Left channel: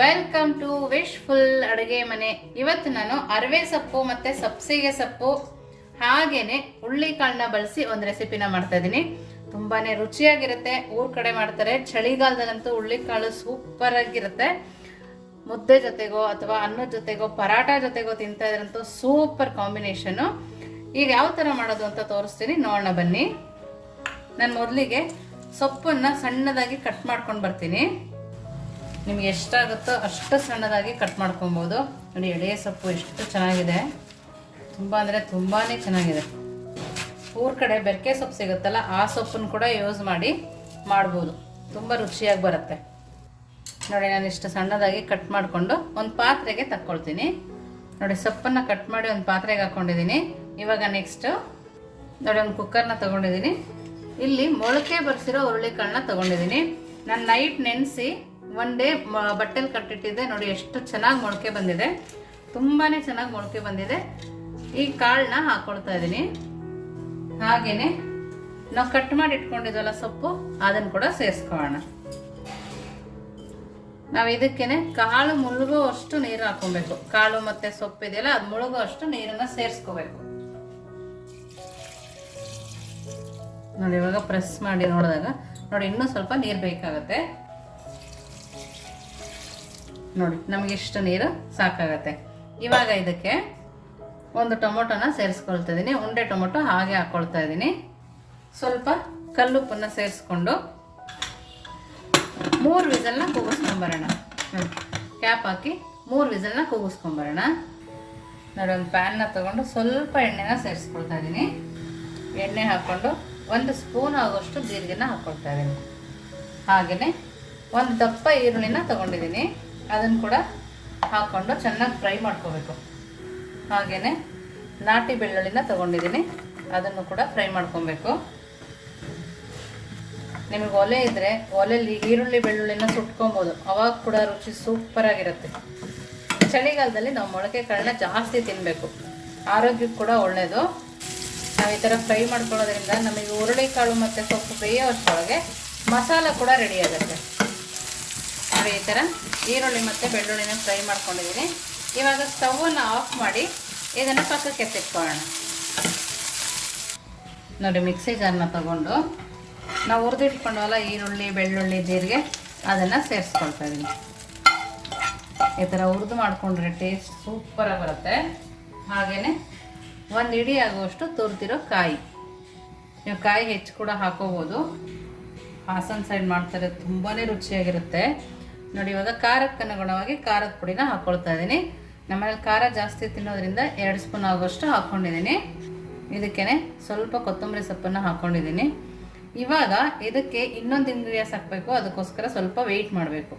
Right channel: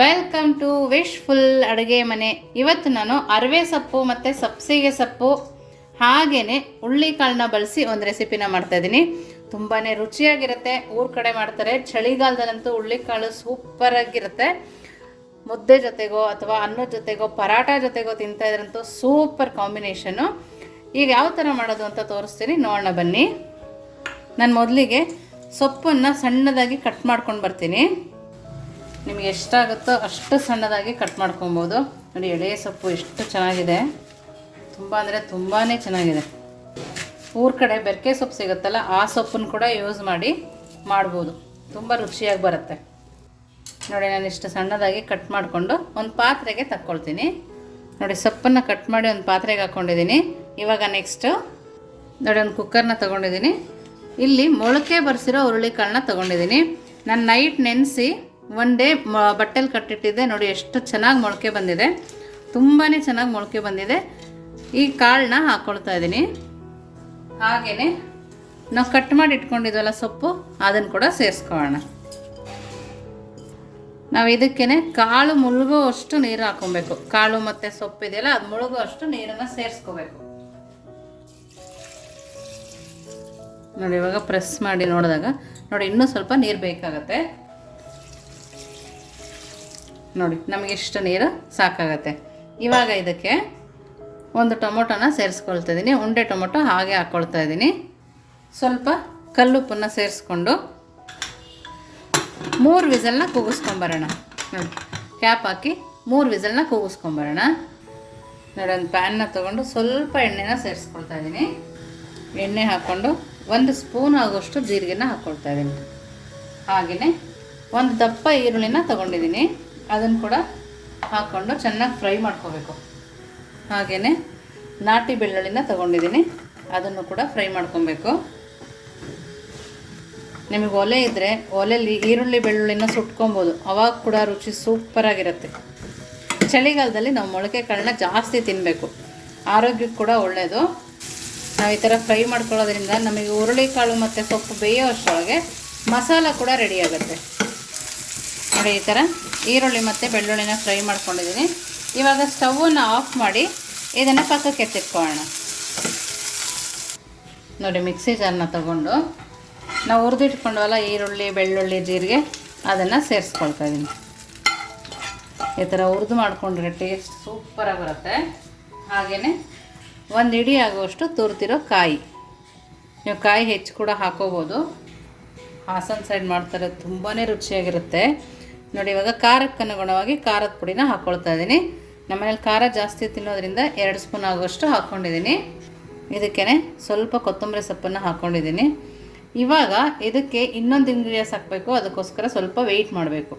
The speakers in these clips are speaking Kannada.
ವೆಲ್ಕಮ್ ಟು ವಿಶ್ ಫುಲ್ ಅಡುಗೆ ಮನೆ. ಇವತ್ತು ನಾನು ಅರವೆ ಸೊಪ್ಪು ಮತ್ತು ಸಬ್ಸಿಗೆ ಸೊಪ್ಪು ಹಾಗೇನೆ ಹುಳ್ಳಿಕಾಳನ್ನ ಬಳಸಿ ಒಂದು ರೆಸಿಪಿನ ಮಾಡ್ತಾ ಇದ್ದೀನಿ ತುಂಬಾ ರುಚಿಯಾಗಿರುತ್ತೆ. ಊರ ಕಡೆ ಮಾಡ್ತಾರೆ. ಚಳಿಗಾಲದಲ್ಲಂತೂ ಹುಳ್ಳಿಕಾಳು ಸೂಪರ್ ಆಗಿರುತ್ತೆ. ಮುದ್ದೆ ಜೊತೆಗೋ ಅಥವಾ ಅನ್ನದ ಜೊತೆಗೋ ಪರಾಟ ಜೊತೆಗೋ ತಿಂತಾ ಇದ್ರಂತೂ ಸೂಪರ್ ಕಾಂಬಿನೇಷನು ಈಗ ಯಾವ ಥರ ಮಾಡೋದು ಅಂತ ತೋರಿಸ್ತೀನಿ. ನೋಡೋಣ ಬನ್ನಿ. ನಾನು ಮೊದಲಿಗೆ ಸೊಪ್ಪನ್ನು ಸಣ್ಣದಾಗಿ ಕಟ್ ಮಾಡ್ಕೊಂಡು ಬರ್ತೀನಿ. ನಿಮಗೆ ಎಷ್ಟಾಗುತ್ತೋ ಅಷ್ಟು ಸಣ್ಣದಾಗಿ ಕಟ್ ಮಾಡ್ಕೊಬೋದು. ನೋಡಿ, ಎಳೆ ಸೊಪ್ಪು ಎಷ್ಟು ಚೆನ್ನಾಗಿದೆ. ತುಂಬ ಅಂದರೆ ತುಂಬಾ ಚೆನ್ನಾಗಿದೆ. ಊರ ಕಡೆ ಬೆರಕೆ ಸೊಪ್ಪು ಸಿಗುತ್ತಲ್ಲ, ಆ ಸೊಪ್ಪನ್ನು ಕೂಡ ಯೂಸ್ ಮಾಡಿ ಮಾಡ್ಬೋದು. ತುಂಬ ರುಚಿಯಾಗಿ ಬರುತ್ತೆ. ನೋಡಿ, ನಾನು ಇಷ್ಟು ಸಣ್ಣದಾಗಿ ಕಟ್ ಮಾಡಿಕೊಂಡು ಒಂದು ಪಾತ್ರೆಗೆ ತಕ್ಕೊಳ್ತೀನಿ. ನೋಡಿ, ಸೊಪ್ಪನ್ನು ಕಟ್ ಮಾಡಿ ಒಂದು ಪಾತ್ರೆಗೆ ಹಾಕ್ಕೊಂಡಿದ್ದೀನಿ ಇವಾಗ ನೆಕ್ಸ್ಟು ನೋಡಿ, ಒಂದು ಕುಕ್ಕರ್ನ ತೊಗೊಂಡಿದ್ದೀನಿ. ಇಲ್ಲಿ ಮೊಳಕೆ ಬರೆಸಿರೋ ಹುರುಳಿಕಾಳನ್ನ ತೊಗೊಂಡಿದ್ದೀನಿ. ನಾನು ನೈಟ್ ನೆನೆಸಿ ಒನ್ ಡೇ ಬಟ್ಟೆಲಿ ಕಟ್ಟಿಟ್ಟಿದ್ದೆ. ನೋಡಿ, ಎಷ್ಟು ಚೆನ್ನಾಗಿ ಮೊಳಕೆ ಬಂದಿದೆ. ತುಂಬಾ ಚೆನ್ನಾಗಿ ಮೊಳಕೆ ಬಂದಿದೆ. ಈ ಕಾಳನ್ನ ಹಾಕ್ಕೊಳ್ತಾ ಇದ್ದೀನಿ. ಹಾಗೆಯೇ ನಾವು ಕಟ್ ಮಾಡಿ ಇಟ್ಕೊಂಡಿದ್ವಲ್ಲ ಸೊಪ್ಪು ಅದನ್ನು ಕೂಡ ಸೇರಿಸ್ಕೊಳ್ಳೋಣ. ನಾವು ಇದಕ್ಕೇನೆ ಕಾಳು ಮುಳುಗೋ ಅಷ್ಟು ನೀರು ಹಾಕೊಬೇಕು. ಕಾಳು ಮತ್ತು ಸೊಪ್ಪು ಇದೆಯಲ್ಲ, ಅದು ಮುಳುಗೋ ಅಷ್ಟು ನೀರನ್ನು ಸೇರಿಸ್ಕೋಬೇಕು. ನೋಡಿ, ಇವಾಗ ಪ್ರೆಸ್ ಮಾಡಿ ನೋಡಿದಾಗ, ನೋಡಿ, ಇನ್ನೂ ಸ್ವಲ್ಪ ನೀರು ಬೇಕಾಗತ್ತೆ. ನೋಡಿ, ನಮಗೆ ಇಷ್ಟು ನೀರು ಸಾಕಾಗತ್ತೆ. ಇವಾಗ ಇದಕ್ಕೆ ಒಂದು ಟೊಮೊಟೊನ ಸೇರಿಸ್ಕೊಳ್ತಾ ಇದ್ದೀನಿ ಉಂಡೆ ಟೊಮೊಟೊ ಹಾಗೆ ಹಾಕ್ಕೊಳ್ತಾ ಇದ್ದೀನಿ ಸ್ವಲ್ಪ ಕಲ್ಲುಪ್ಪನ್ನು ಸೇರಿಸ್ಕೊಂಡು ಮೂರು ವಿಸಲ್ನ ಕೂಗಿಸ್ಕೊಂಬರೋಣ. ನೋಡಿ ಕ್ಯಾಪ್ ಹಾಕಿ ಮೂರು ವಿಸಲ್ನ ಕೂಗಿಸ್ಕೊಂಬರೋಣ. ನೋಡಿ, ಒಂದು ಪ್ಯಾನ್ನ ತೊಗೊಂಡು ಸ್ವಲ್ಪ ಎಣ್ಣೆನ ಸೇರಿಸ್ಕೊಳ್ತಾ ಇದ್ದೀನಿ ಎಣ್ಣೆ ಹಾಕ್ಕೊಂಡು ಒಂದು ಸ್ಪೂನ್ ಆಗೋಷ್ಟು ಜೀರಿಗೆನ ಹಾಕ್ಕೊಳ್ತಾ ಇದ್ದೀನಿ ಹಾಗೆಯೇ ಒಂದು ದಪ್ಪ ಈರುಳ್ಳಿನ ತೊಗೊಂಡಿದ್ದೀನಿ ಅದನ್ನು ಕೂಡ ಹಾಕ್ಕೊಂಡು ಚೆನ್ನಾಗಿ ಫ್ರೈ ಮಾಡ್ಕೋಬೇಕು. ಹಾಗೆಯೇ ನಾಟಿ ಬೆಳ್ಳುಳ್ಳಿನ ತೊಗೊಂಡಿದ್ದೀನಿ. ಅದನ್ನು ಕೂಡ ಫ್ರೈ ಮಾಡ್ಕೊಬೇಕು. ನಿಮಗೆ ಒಲೆ ಇದ್ದರೆ ಒಲೆಯಲ್ಲಿ ಈರುಳ್ಳಿ ಬೆಳ್ಳುಳ್ಳಿನ ಸುಟ್ಕೊಬೋದು. ಅವಾಗ ಕೂಡ ರುಚಿ ಸೂಪರಾಗಿರುತ್ತೆ ಚಳಿಗಾಲದಲ್ಲಿ ನಾವು ಮೊಳಕೆ ಕಾಳನ್ನ ಜಾಸ್ತಿ ತಿನ್ನಬೇಕು ಆರೋಗ್ಯಕ್ಕೆ ಕೂಡ ಒಳ್ಳೆಯದು ನಾವು ಈ ಥರ ಫ್ರೈ ಮಾಡ್ಕೊಳ್ಳೋದ್ರಿಂದ ನಮಗೆ ಹುರುಳಿಕಾಳು ಮತ್ತು ಸೊಪ್ಪು ಬೇಯೋ ಅಷ್ಟರೊಳಗೆ ಮಸಾಲ ಕೂಡ ರೆಡಿ ಆಗುತ್ತೆ. ನೋಡಿ ಈ ಥರ ಈರುಳ್ಳಿ ಮತ್ತು ಬೆಳ್ಳುಳ್ಳಿನ ಫ್ರೈ ಮಾಡ್ಕೊಂಡಿದ್ದೀನಿ. ಇವಾಗ ಸ್ಟವನ್ನು ಆಫ್ ಮಾಡಿ ಇದನ್ನು ಪಕ್ಕಕ್ಕೆ ಎತ್ತಿಟ್ಕೊಳ್ಳೋಣ. ನೋಡಿ, ಮಿಕ್ಸಿ ಜಾರನ್ನ ತಗೊಂಡು ನಾವು ಹುರಿದಿಟ್ಕೊಂಡವಲ್ಲ ಈರುಳ್ಳಿ, ಬೆಳ್ಳುಳ್ಳಿ, ಜೀರಿಗೆ, ಅದನ್ನು ಸೇರಿಸ್ಕೊಳ್ತಾ ಇದ್ದೀನಿ ಈ ಥರ ಹುರಿದು ಮಾಡಿಕೊಂಡ್ರೆ ಟೇಸ್ಟ್ ಸೂಪರಾಗಿ ಬರುತ್ತೆ. ಹಾಗೆಯೇ ಒಂದು ಇಡಿ ಆಗುವಷ್ಟು ತುರ್ತಿರೋ ಕಾಯಿ. ನೀವು ಕಾಯಿ ಹೆಚ್ಚು ಕೂಡ ಹಾಕೋಬೋದು. ಹಾಸನ ಸೈಡ್ ಮಾಡ್ತಾರೆ ತುಂಬಾ ರುಚಿಯಾಗಿರುತ್ತೆ. ನೋಡಿ, ಇವಾಗ ಖಾರಕ್ಕೆ ಅನುಗುಣವಾಗಿ ಖಾರದ ಪುಡಿನ ಹಾಕ್ಕೊಳ್ತಾ ಇದ್ದೀನಿ. ನಮ್ಮನೇಲಿ ಖಾರ ಜಾಸ್ತಿ ತಿನ್ನೋದ್ರಿಂದ ಎರಡು ಸ್ಪೂನ್ ಆಗೋಷ್ಟು ಹಾಕ್ಕೊಂಡಿದ್ದೀನಿ ಇದಕ್ಕೇ ಸ್ವಲ್ಪ ಕೊತ್ತಂಬರಿ ಸೊಪ್ಪನ್ನು ಹಾಕ್ಕೊಂಡಿದ್ದೀನಿ ಇವಾಗ ಇದಕ್ಕೆ ಇನ್ನೊಂದು ಇಂಗ್ರೀಡಿಯನ್ಸ್ ಹಾಕಬೇಕು, ಅದಕ್ಕೋಸ್ಕರ ಸ್ವಲ್ಪ ವೆಯ್ಟ್ ಮಾಡಬೇಕು.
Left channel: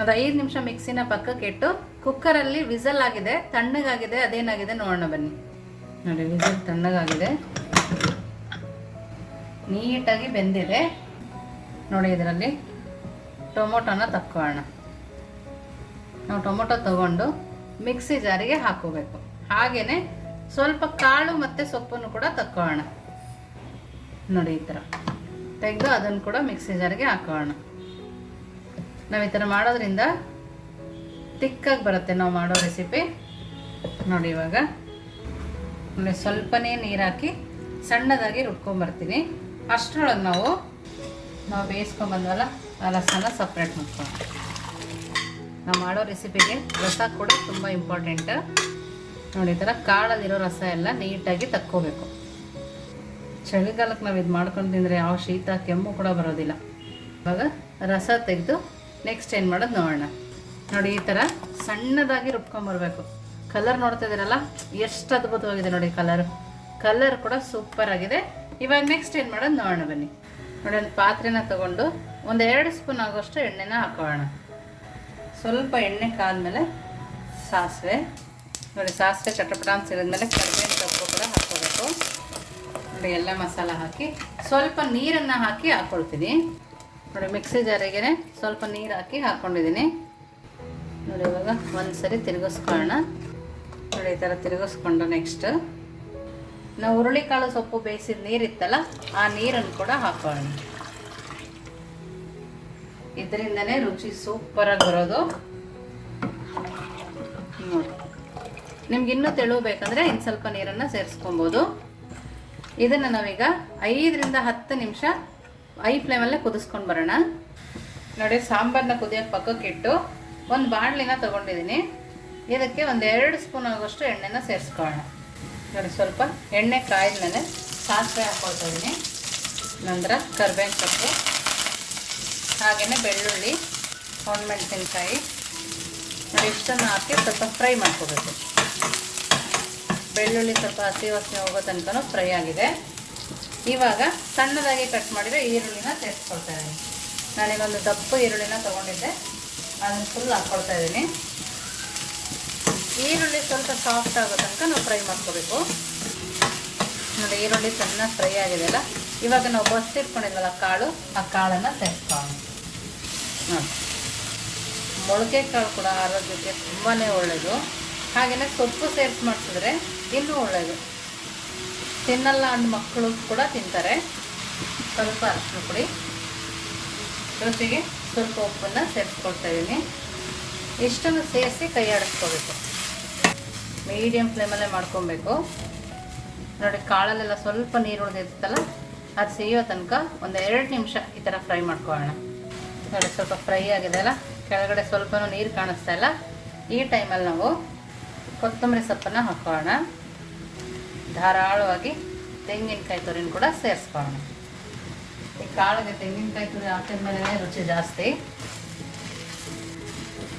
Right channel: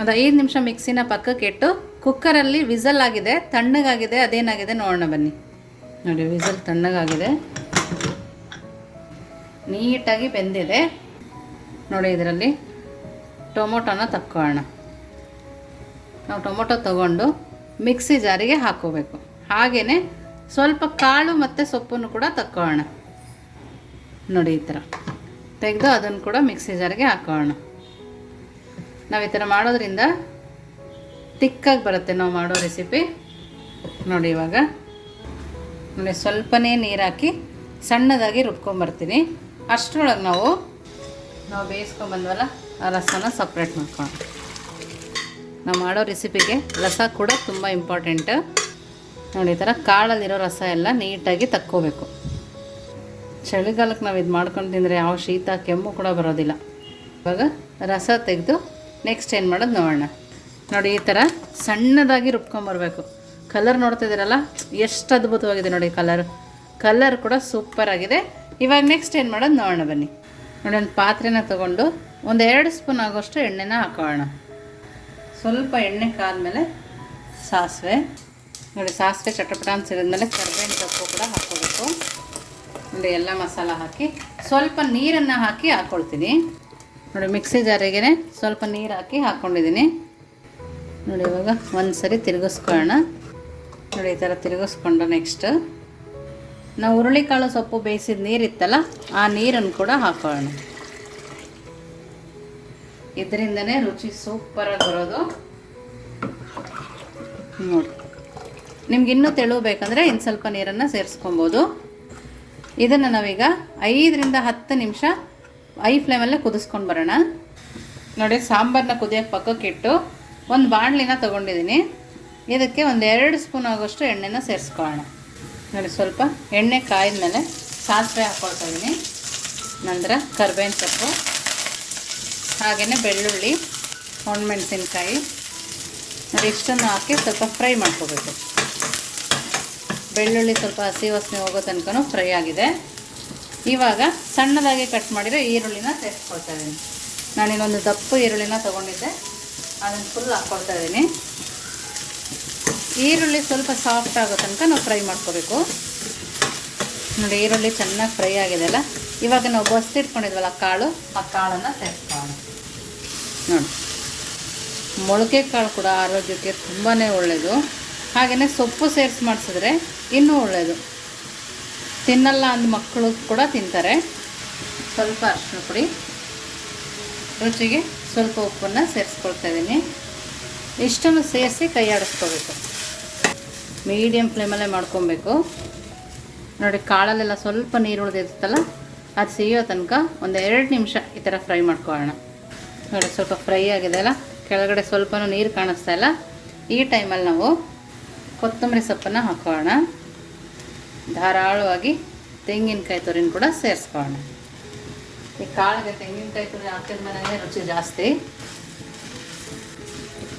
ಒಂದು ಐದು ನಿಮಿಷ ಮಿಕ್ಸಿನ ಪಕ್ಕಕ್ಕೆ ಇಟ್ಟು ಕುಕ್ಕರಲ್ಲಿ ವಿಸಲ್ ಆಗಿದೆ, ತಣ್ಣಗಾಗಿದೆ, ಅದೇನಾಗಿದೆ ನೋಡೋಣ ಬನ್ನಿ. ನೋಡಿ, ವಿಸಲ್ ತಣ್ಣಗಾಗಿದೆ. ನೀಟಾಗಿ ಬೆಂದಿದೆ. ನೋಡಿ, ಇದರಲ್ಲಿ ಟೊಮೊಟೊನ ತಕ್ಕೊಳ್ಳೋಣ. ನಾವು ಟೊಮೊಟೊ ತಗೊಂಡು ಮಿಕ್ಸಿ ಜಾರಿಗೆ ಹಾಕೋಬೇಕು ಹಾಗೆಯೇ ಸ್ವಲ್ಪ ಕಾಳು ಮತ್ತು ಸೊಪ್ಪನ್ನು ಕೂಡ ತಕ್ಕೊಳ್ಳೋಣ. ನೋಡಿ ಈ ಥರ. ತೆಗೆದು ಅದನ್ನು ಕೂಡ ಮಿಕ್ಸಿ ಜಾರಿಗೆ ಹಾಕೋಣ ನಾವು ಈ ಥರ ಮಾಡೋದ್ರಿಂದ ತಿಕ್ಕಾಗಿ ಬರುತ್ತೆ ನಾವು ಮಾಡೋ ರೆಸಿಪಿ. ನೋಡಿ ಇವಾಗ. ಆಮೇಲೆ ಸ್ವಲ್ಪನೇ ನೀರು ಹಾಕಿ ಸಣ್ಣದಾಗಿ ರುಬ್ಕೊಂಬರ್ತೀನಿ. ಅಷ್ಟರೊಳಗೆ ನಾವು ನಾವು ಬೇಯಿಸ್ಕೊಂಬಂದ್ವಲ್ಲ ಆ ರಸನ ಸಪ್ರೇಟ್ ಮಾಡ್ಕೊಳ್ಳೋಣ. ನಾವು ಮಾಡೋ ರೆಸಿಪಿಗೆ ರಸ ಕೂಡ ತುಂಬ ಇಂಪಾರ್ಟೆಂಟ್ ನೋಡಿ, ಈ ಥರ ಕಾಳಲ್ಲಿರೋ ರಸ ಎಲ್ಲ ನೀಟಾಗಿ ತಕ್ಕೋಬೇಕು. ಚಳಿಗಾಲಕ್ಕೆ ನಾವು ಇದು ಮಾಡ್ಕೊಂಡು ತಿಂದರೆ ಯಾವ ಶೀತ, ಕೆಮ್ಮು ಕೂಡ ಬರೋದಿಲ್ಲ. ಇವಾಗ ರಸ ತೆಗೆದು ನೆಕ್ಸ್ಟ್ ಏನು ಮಾಡೋದು ನೋಡೋಣ. ನೋಡಿ, ಈ ಥರ ಸಣ್ಣದಾಗಿ ರುಬ್ಕೊಂಬರ್ಬೇಕು ಕಲರ್ ನೋಡ್ತಾ ಇದ್ದೀರಲ್ಲ ಎಷ್ಟು ಅದ್ಭುತವಾಗಿದೆ ನೋಡಿ ಕಲರ್ ಕಲರ್ ಕೂಡ ಸೂಪರ್ ಆಗಿದೆ. ಇವಾಗ ನೆಕ್ಸ್ಟ್ ಏನು ಮಾಡೋದು ನೋಡೋಣ ಬನ್ನಿ. ನೋಡಿ, ಒಂದು ಪಾತ್ರೆನ ತಗೊಂಡು ಒಂದು ಎರಡು ಸ್ಪೂನ್ ಆಗೋಷ್ಟು ಎಣ್ಣೆನ ಹಾಕೋಣ. ಸ್ವಲ್ಪ ಎಣ್ಣೆ ಕಾದ್ಮೇಲೆ ಸಾಸಿವೆ. ನೋಡಿ, ಸಾಸಿವೆ ಚಟಪಟ ಅಂತ ಸಿಡಿದ್ಮೇಲೆ ಕರಿಬೇವಿನ ಸೊಪ್ಪು ಕೂಡ ಹಾಕ್ಕೋಬೇಕು. ನೋಡಿ, ಎಲ್ಲ ಮಸಾಲ ಹಾಕಿ ಸ್ವಲ್ಪ ನೀರನ್ನು ಹಾಕಿ ಹಾಕ್ಕೊಳ್ತೀನಿ ನೋಡಿ, ಮಿಕ್ಸಿ ಜಾರಿಗೆ ಸ್ವಲ್ಪ ನೀರು ಹಾಕಿ ಹಾಕ್ಕೊಂಡಿದ್ದೀನಿ ನೋಡಿ, ಇವಾಗ ಒಂದು ಸರಿ ತಿರುಗಿಸ್ಕೊಳ್ಳೋಣ. ನೋಡಿ, ಈ ಥರ ತಿರುಗಿಸ್ಕೊಂಡು ನೆಕ್ಸ್ಟ್. ನಾವು ಹುರುಳಿಕಾಳು ಸೊಪ್ಪು ಬೇಯಿಸಿದ ನೀರಿತ್ತಲ್ಲ, ಆ ನೀರನ್ನು ಕೂಡ ಹಾಕೋಣ. ಇದರಿಂದನೇ ರುಚಿ ಸೂಪರಾಗಿ ಬರೋದು. ನೋಡಿ. ನಿಮ್ಗೆ ಇನ್ನೂ ತೆಳು ಬೇಕಂದರೆ ಇನ್ನು ಸ್ವಲ್ಪ ನೀರನ್ನು ಸೇರಿಸ್ಕೊಬೋದು. ಇದನ್ನು ನಾವೀಗ ಐದರಿಂದ ಹತ್ತು ನಿಮಿಷ ಐ ಫ್ಲೇಮಲ್ಲೇ ಕುದಿಸ್ಕೊಂಡು ಬರೋಣ. ನೋಡಿ ಸಾಂಬಾರನ್ನ ಕುದಿಯೋಕ್ಕೆ ಪಕ್ಕಕ್ಕೆ ಇಟ್ಟು ಒಂದು ಬಾಣಲಿನ ತೊಗೊಂಡಿದ್ದೀನಿ ಇದಕ್ಕೆ ಒಂದು ಎರಡು ಸ್ಪೂನ್ ಆಗೋಷ್ಟು ಎಣ್ಣೆನ ಸೇರಿಸ್ಕೊಳ್ಳೋಣ. ನೋಡಿ, ಸ್ವಲ್ಪ ಎಣ್ಣೆ ಕಾಯಿದ ಮೇಲೆ ಸಾಸಿವೆ ಹಾಕ್ಕೊಳ್ತಾ ಇದ್ದೀನಿ ನಂತರ ಕರ್ಬೇವಿನ ಸೊಪ್ಪು ಹಾಗೆಯೇ ಬೆಳ್ಳುಳ್ಳಿ, ಒಣಮೆಣಸಿನ್ಕಾಯಿ. ನೋಡಿ, ಇಷ್ಟನ್ನು ಹಾಕಿ ಸ್ವಲ್ಪ ಫ್ರೈ ಮಾಡ್ಕೋಬೇಕು. ಬೆಳ್ಳುಳ್ಳಿ ಸ್ವಲ್ಪ ಹಸಿ ವಾಸನೆ ಹೋಗೋ ತನಕ ಫ್ರೈ ಆಗಿದೆ. ಇವಾಗ ಸಣ್ಣದಾಗಿ ಕಟ್ ಮಾಡಿರೋ ಈರುಳ್ಳಿನ ಸೇರಿಸ್ಕೊಳ್ತಾ ಇದ್ದೀನಿ. ನಾನಿನ್ನೊಂದು ದಪ್ಪು ಈರುಳ್ಳಿನ ತೊಗೊಂಡಿದ್ದೆ. ಅದನ್ನು ಫುಲ್ ಹಾಕ್ಕೊಳ್ತಾ ಇದ್ದೀನಿ. ಈರುಳ್ಳಿ ಸ್ವಲ್ಪ ಸಾಫ್ಟ್ ಆಗೋ ತನಕ ನಾವು ಫ್ರೈ ಮಾಡ್ಕೋಬೇಕು. ನೋಡಿ, ಈರುಳ್ಳಿ ಚೆನ್ನಾಗಿ ಫ್ರೈ ಆಗಿದೆ ಅಲ್ಲ? ಇವಾಗ ನಾವು ಬಸ್ತಿಟ್ಕೊಂಡಿದ್ವಲ್ಲ ಕಾಳು, ಆ ಕಾಳನ್ನು ಸೇರಿಸ್ಕೊಳ್ಳೋಣ. ನೋಡಿ. ಮೊಳಕೆ ಕಾಳು ಕೂಡ ಆರೋಗ್ಯಕ್ಕೆ ತುಂಬಾ ಒಳ್ಳೆಯದು ಹಾಗೆಯೇ ಸೊಪ್ಪು ಸೇರಿಸಿ ಮಾಡಿಸಿದ್ರೆ ಇನ್ನೂ ಒಳ್ಳೆಯದು ತಿನ್ನಲ್ಲ ಅಂದ ಮಕ್ಕಳು ಕೂಡ ತಿಂತಾರೆ. ಸ್ವಲ್ಪ ಅರ್ಶಿನ ಪುಡಿ. ರುಚಿಗೆ ಸ್ವಲ್ಪ ಉಪ್ಪನ್ನು ಸೇರಿಸ್ಕೊಳ್ತಾ ಇದ್ದೀನಿ. ಇಷ್ಟನ್ನು ಸೇರಿಸಿ ಕೈ ಆಡಿಸ್ಕೋಬೇಕು ಮೀಡಿಯಮ್ ಫ್ಲೇಮಲ್ಲೇ ಮಾಡ್ಕೊಬೇಕು. ನೋಡಿ, ಕಾಳಲ್ಲೆಲ್ಲ ಸ್ವಲ್ಪ ನೀರು ಉಳಿದಿರ್ತಲ್ಲ ಅದು ಸಿಗೋ ತನಕ ಒಂದು ಎರಡು ನಿಮಿಷ ಈ ಥರ ಫ್ರೈ ಮಾಡ್ಕೊಳ್ಳೋಣ ನೋಡಿ, ಸ್ವಲ್ಪ ಫ್ರೈ ಆಗಿದೆ ಅಲ್ಲ? ಕೆಳಗಡೆ ಸ್ವಲ್ಪನೂ ನೀರು ಕಾಣಿಸ್ತಾ ಇಲ್ಲ. ಈ ಟೈಮಲ್ಲಿ ನಾವು ಕೊತ್ತಂಬರಿ ಸೊಪ್ಪನ್ನು ಹಾಕೊಳ್ಳೋಣ ಧಾರಾಳವಾಗಿ ತೆಂಗಿನಕಾಯಿ ತುರಿನ ಕೂಡ ಸೇರಿಸ್ಕೊಳ್ಳೋಣ ಈ ಕಾಳಿಗೆ ತೆಂಗಿನಕಾಯಿ ತುರಿ ಹಾಕಿದ್ಮೇಲೆ ರುಚಿ ಜಾಸ್ತಿ.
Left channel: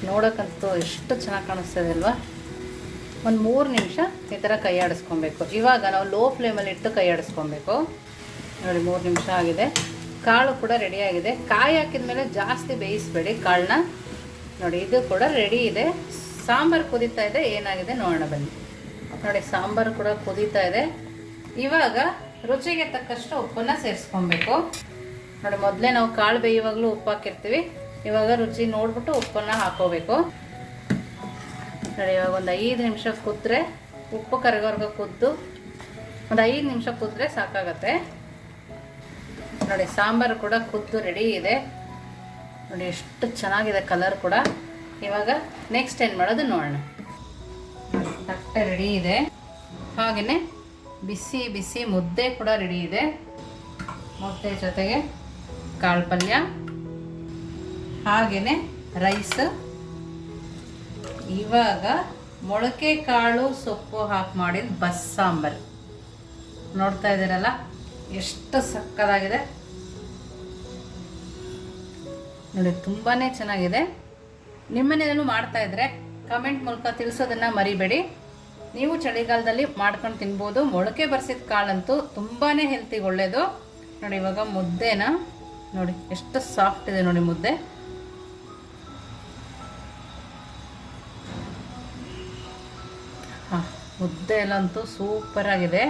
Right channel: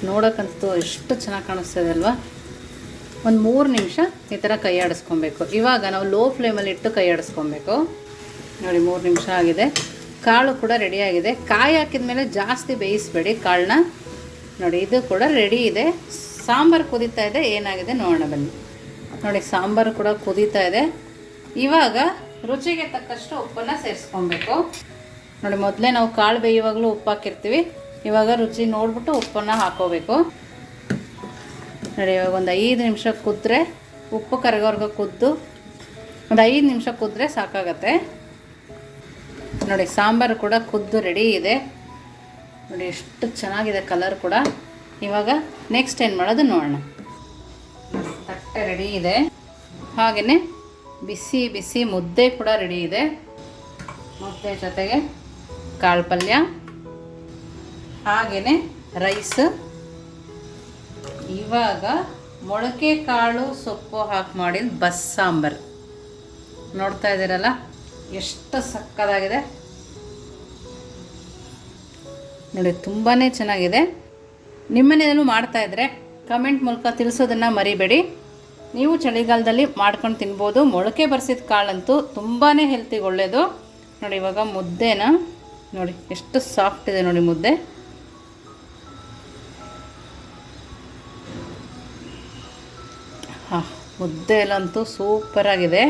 ನೋಡೋಕ್ಕಂತೂ ಎಷ್ಟು ಚೆನ್ನಾಗಿ ಕಾಣಿಸ್ತದೆ ಅಲ್ವಾ? ಒಂದು ಮೂರು ನಿಮಿಷ ಈ ಥರ ಕೈ ಆಡಿಸ್ಕೊಬೇಕು. ಇವಾಗ ನಾವು ಲೋ ಫ್ಲೇಮಲ್ಲಿ ಇಟ್ಟು ಕೈ ಆಡಿಸ್ಕೊಬೇಕು. ನೋಡಿ, ಮೂರು ನಿಮಿಷ ಆಗಿದೆ. ಕಾಳು ಕೂಡ ರೆಡಿಯಾಗಿದೆ ಕಾಯಿ ಹಾಕಿದ ಮೇಲೆ ಜಾಸ್ತಿ ಬೇಯಿಸಬೇಡಿ ಕಾಳನ್ನ. ನೋಡಿ, ಇದು ಕೂಡ ರೆಡಿ ಇದೆ. ಸಾಂಬಾರು ಕುದೀತಾ ಇದೆ. ಏನಾಗಿದೆ ನೋಡೋಣ ಬನ್ನಿ. ನೋಡಿ, ಸಾಂಬಾರು ಕೂಡ ಕುದೀತಾ ಇದೆ. ಇವಾಗ ರುಚಿಗೆ ತಕ್ಕಷ್ಟು ಉಪ್ಪನ್ನು ಸೇರಿಸ್ಕೊಬೇಕು. ನೋಡಿ, ಮೊದಲೇ ನಾವು ಕಾಳು ಬೇಯುವಾಗಲೂ ಉಪ್ಪು ಹಾಕಿರ್ತೀವಿ ಇವಾಗ ರುಚಿ ನೋಡಿಬಿಟ್ಟು ಉಪ್ಪನ್ನು ಹಾಕೋಬೇಕು. ನೋಡಿ, ಇವಾಗ ಒಂದು ಐದು ನಿಮಿಷ ಕೂತ್ರೆ ಉಪ್ಪು ಕರಗೋರ್ಗೆ ಕೂತು ಒಂದು ಐದು ನಿಮಿಷ ಕೂತ್ರೆ ಸಾಕಾಗತ್ತೆ. ನೋಡಿ, ಸಾಂಬಾರು ಕೂಡ ಕುದ್ದು ರೆಡಿ ಇದೆ. ನೋಡಿ, ಎಷ್ಟು ಚೆನ್ನಾಗಿದೆ ಕಲರ್ ಕೂಡ. ಇವಾಗ ನೆಕ್ಸ್ಟ್ ಏನು ಮಾಡೋದು ನೋಡೋಣ. ತಟ್ಟೆ ರೆಡಿ ಇದೆ. ಹಾಗೆಯೇ ಬಿಸಿ ಬಿಸಿ ಮುದ್ದೆ ಕೂಡ ರೆಡಿ ಇದೆ. ಮುದ್ದೆ ಜೊತೆಗೆ ಕಾಳು ಪಲ್ಯ. ಹಾಗೆಯೇ ರೈಸ್ ಇವಾಗ ಮೊಳಕೆ ಕಾಳು ಸೊಪ್ಪು ಹಾಕಿ ಮಾಡಿದ ಬಸ್ ಸಾಂಬಾರು ನೋಡ್ತಾ ಇದ್ದೀರಲ್ಲ? ಎಷ್ಟು ಸಕ್ಕದಾಗಿದೆ. ನೋಡಿ ತುಂಬಾ ಚೆನ್ನಾಗಿದೆ. ನಿಮ್ಮನೇನು ಮಾಡ್ತಾ ಇದ್ರೆ ಕಮೆಂಟ್ ಮೂಲಕ ತಿಳಿಸೋದನ್ನು ಮರಿಬೇಡಿ. ನೀವು ಚಳಿಗಾಲದಲ್ಲಿ ಮಾಡ್ಕೊಂಡು ತಿನ್ಬೋದು. ಮೊಳಕೆ ಬರ್ಸಿದ ಕಾಳಂತೂ ತುಂಬಾ ಹೆಲ್ತಿಗೆ ಒಳ್ಳೆಯದು ನೋಡಿ, ಇವಾಗ ಮುದ್ದೆನ ನೋಡಿ, ಎಷ್ಟು ಸಾಫ್ಟ್ ಇದೆ ನೋಡಿ ಮುದ್ದೆ. ಮುದ್ದೆ ಎಲ್ಲಂತೂ ಸೂಪರಾಗಿದೆ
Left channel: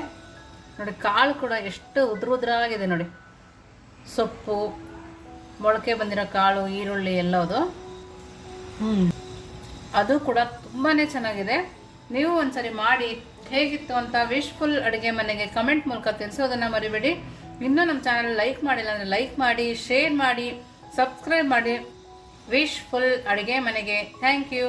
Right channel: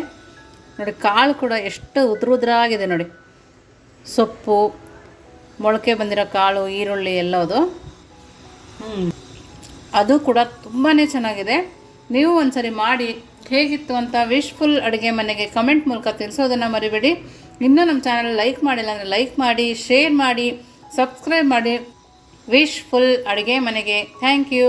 ನೋಡಿ ಕಾಳು ಕೂಡ ಎಷ್ಟು ಉದ್ರ ಉದ್ರಾಗಿದೆ ನೋಡಿ. ಸೊಪ್ಪು, ಮೊಳಕೆ ಬಂದಿರೋ ಕಾಳು, ಈರುಳ್ಳಿ ಎಲ್ಲದು ಹ್ಞೂ ಅದು ಕೂಡ ತುಂಬಾ ಚೆನ್ನಾಗಿದೆ. ನೀವು ಒಂದ್ಸರಿ ಮಾಡಿ ಹೇಗಿತ್ತು ಅಂತ ವಿಶ್ಫುಲ್ ಅಡುಗೆ ಮನೆಗೆ ಕಮೆಂಟ್ ಮೂಲಕ ತಿಳಿಸೋದನ್ನು ಮರಿಬೇಡಿ. ಇನ್ನೂ ನಮ್ಮ ಚಾನಲ್ ಲೈಕ್ ಮಾಡಿಲ್ಲ ಅಂದರೆ ಲೈಕ್ ಮಾಡಿ ಶೇರ್ ಮಾಡಿ ಸಬ್ಸ್ಕ್ರೈಬ್ ಮಾಡಿ. ವಿಶ್ಫುಲ್ ಅಡುಗೆ ಮನೆಗೆ. Thank you